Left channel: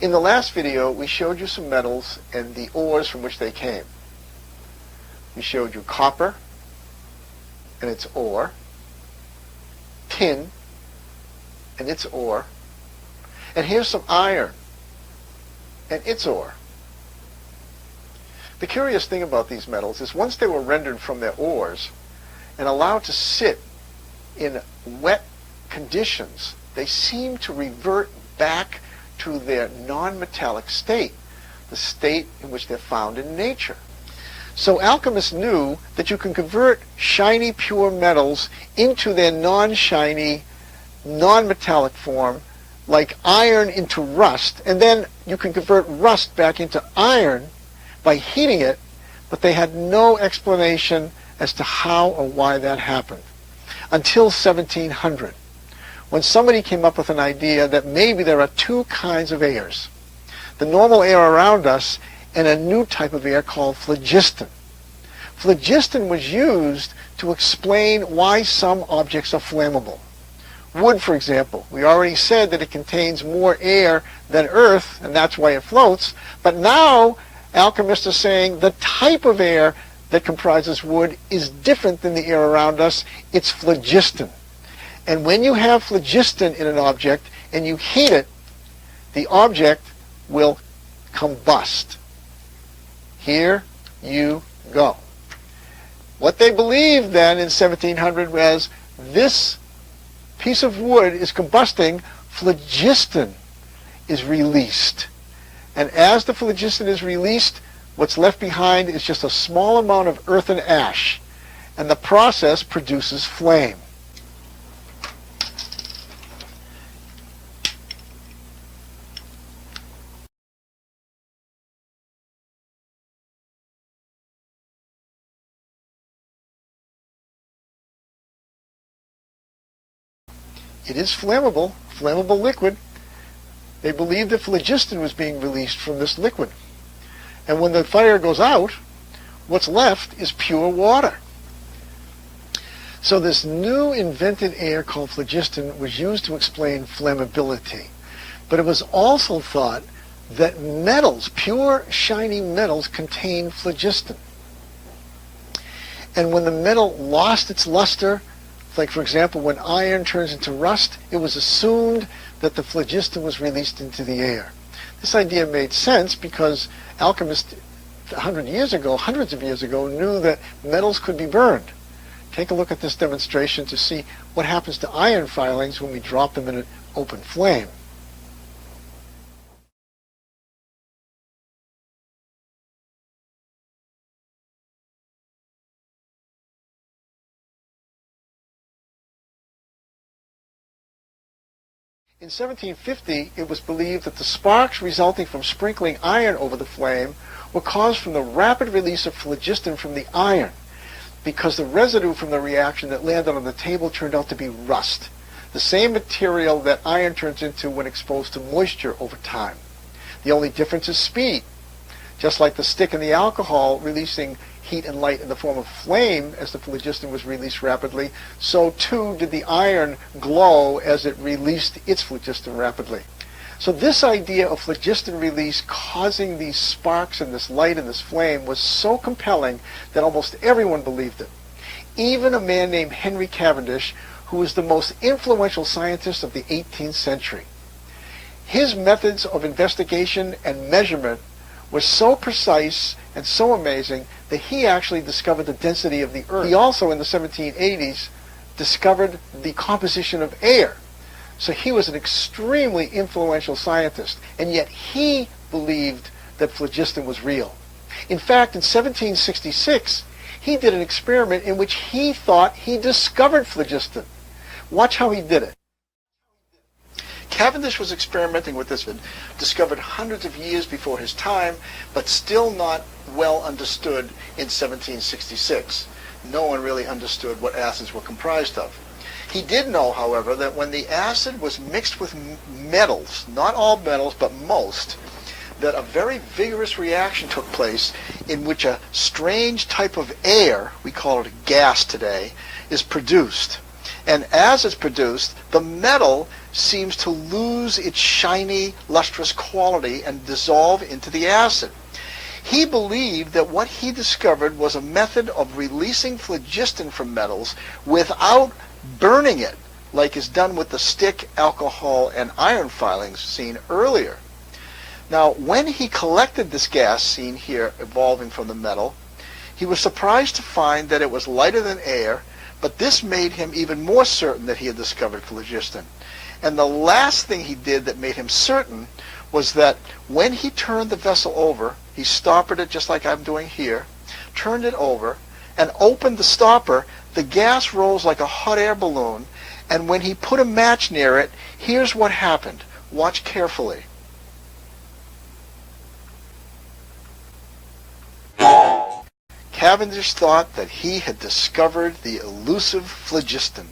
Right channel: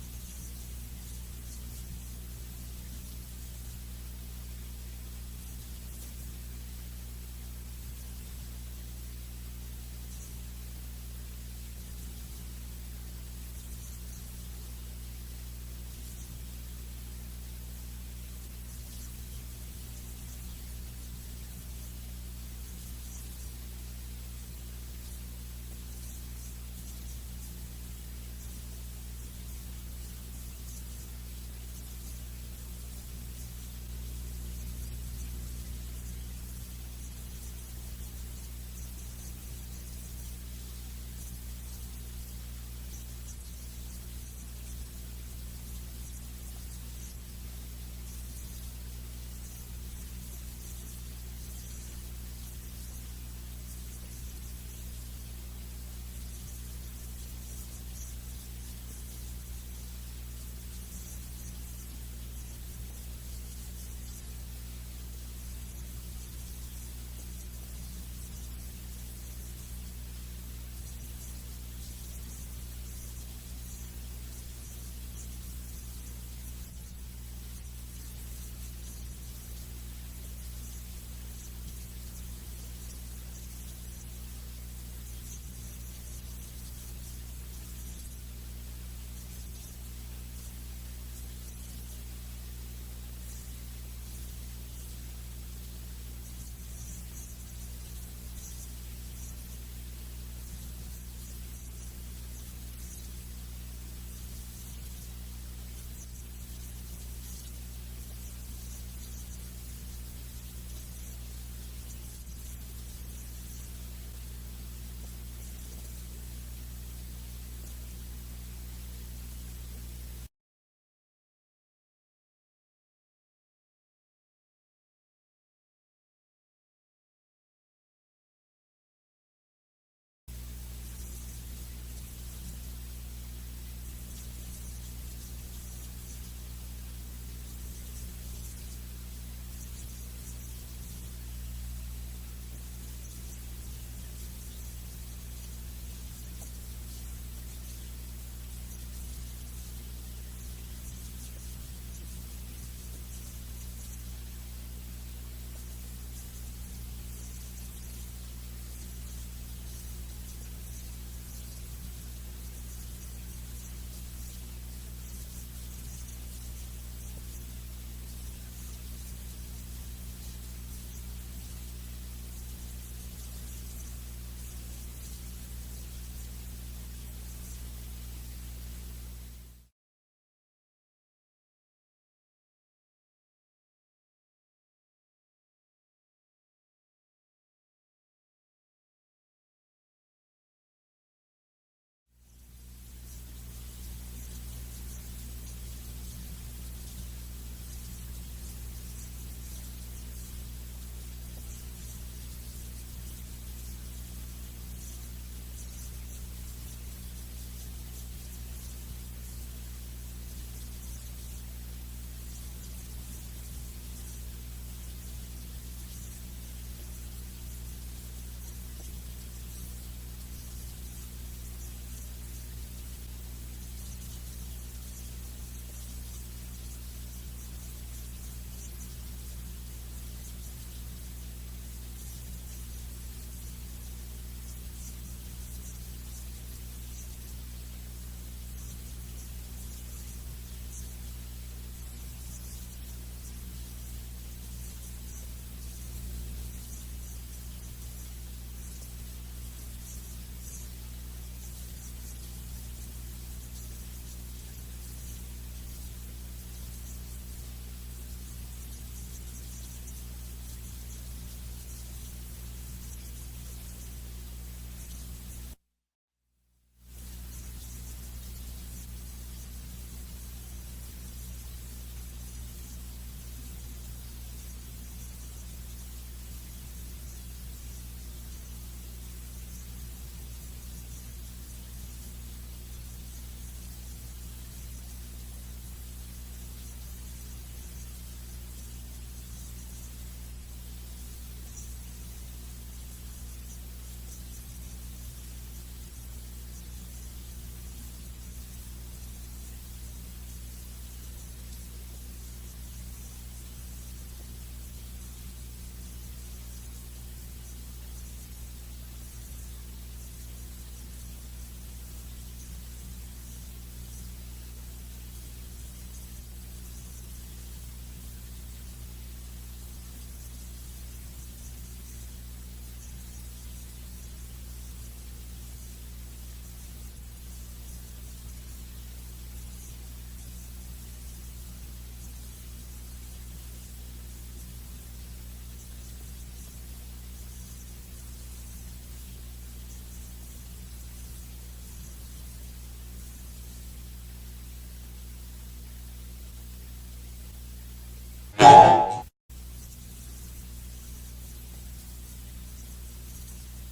In the last video, we showed you some metals and the ores from which they came. We showed you copper and its ore, tin and its ore, and here's some iron and its ore. The curious thing about these metals is once they were rendered from their ores and allowed to sit in wet conditions, they seem to revert back to their non-metallic state, the state in which they're found in nature. So alchemists knew that you can convert shiny, pure metals into their non-shiny, non-metallic form, like iron into rust, and then you can convert rust back into iron by heating it, but they had no explanation as to how or why that happened until 1700. When somebody came up with an idea that maybe there are two kinds of airs, the normal air around us and a new type of air called phlogiston. Phlogiston was used to explain why some objects are flammable. Wood, for example, we already said that it contains more air than earth, and that's why it floats, but now alchemists are saying the type of air that comprises wood is different than the air around us. It's phlogiston. And when you have phlogiston in an object and you heat it, the object will combust. Here you go. What they believed then in 1700 was this piece of wood is combusting, phlogiston is released. And as the phlogiston is released, what's left behind is just a small amount of earth and ash, and the process produces flame. It is flammable, flammable liquid. They believed that phlogiston was being released from this liquid. And when the fire goes out, what's left is pure water. So this new invented air called phlogiston was used to explain flammability. But it was also thought that metals, pure shiny metals, contain phlogiston. And when the metal lost its luster, like for example when iron turns into rust, it was assumed that the phlogiston was released into the air. This idea made sense because alchemists 100 years ago, hundreds of years ago, knew that metals could be burned. Take a look at this demonstration to see what happens to iron filings when we drop them in an open flame. In 1750, it was believed that the sparks resulting from sprinkling iron over the flame were caused from the rapid release of phlogiston from the iron, because the residue from the reaction that landed on the table turned out to be rust, the same material that iron turns into when exposed to moisture over time. The only difference is speed. Just like the stick and the alcohol releasing heat and light in the form of flame as the phlogiston was released rapidly, so too did the iron glow as it released its phlogiston rapidly. So this idea of phlogiston release causing these sparks and this light and this flame was so compelling that almost everyone believed it. Even a man named Henry Cavendish, who was the most influential scientist of the 18th century. His methods of investigation and measurement were so precise and so amazing that he actually discovered the density of the earth. He also, in the 1780s, discovered the composition of air. So he was an extremely influential scientist, and yet he believed that phlogiston was real. In fact, in 1766, he did an experiment in which he thought he discovered phlogiston. Watch how he did it. Cavendish was experimenting with this, discovered hundreds of years before his time, but still not well understood in 1766. No one really understood what acids were comprised of. He did know, however, that when the acid was mixed with metals, not all metals, but most, that a very vigorous reaction took place in which a strange type of air, we call it a gas today, is produced. And as it's produced, the metal seems to lose its shiny, lustrous quality and dissolve into the acid. He believed that what he discovered was a method of releasing phlogiston from metals without burning it, like is done with the stick, alcohol, and iron filings seen earlier. Now, when he collected this gas seen here evolving from the metal, he was surprised to find that it was lighter than air, but this made him even more certain that he had discovered phlogiston. And the last thing he did that made him certain was that when he turned the vessel over, he stoppered it just like I'm doing here, turned it over, and opened the stopper, the gas rose like a hot air balloon, and when he put a match near it, here's what happened. Watch carefully. Cavendish thought that he had discovered the elusive phlogiston.